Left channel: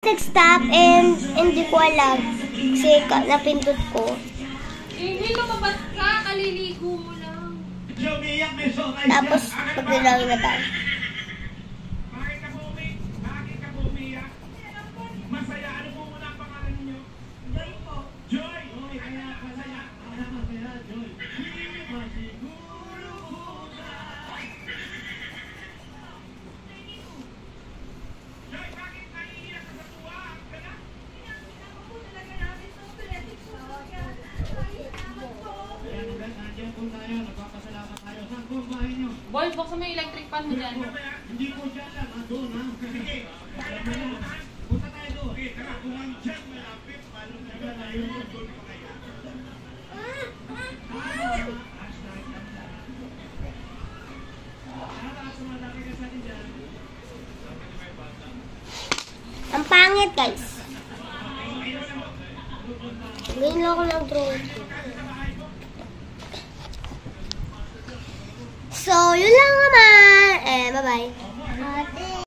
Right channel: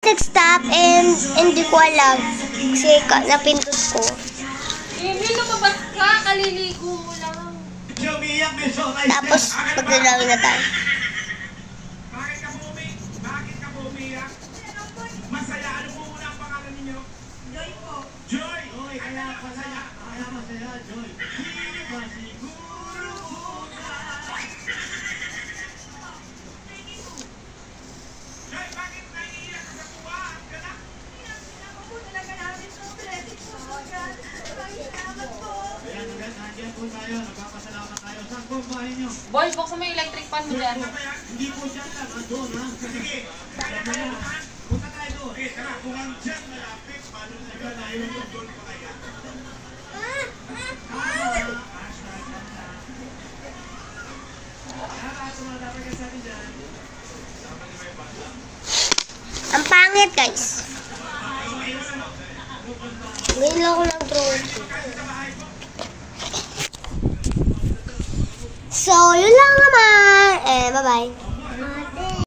Nag-stop and hindi ko alam kasi napindot ko. Emil, lumabas ka. Kaliligo mo lang. Tapos maglalawin na tayo. Bakit ka po umiyak? Masaya. Ano po muna ang pangalan ninyo? Joy po. Joy! Okay, kaya masaya. Kaya masaya, Joy. Hindi ba siguro muna? Joy, bakit naiiyak ka sa buwan? Gana? Ako po talaga namin sa blessing po sa God. Salamat po. Ayan, nandiyan po tayo. Nagpapasalamat tayo. Saan po ang bahay nyo? Boy, buksan mo yung electric fan mo dyan. Hindi po dyan lang. Doon, ha? Sige. Kaya tayo naman. Punta tayo doon. Okay, tara. Kung ang dyan malapit, paano tayo na yung doon pa kaya? Ang pangit, guys. Ngayon lang ako mag-draw. So, yun lang naman. Bye-bye.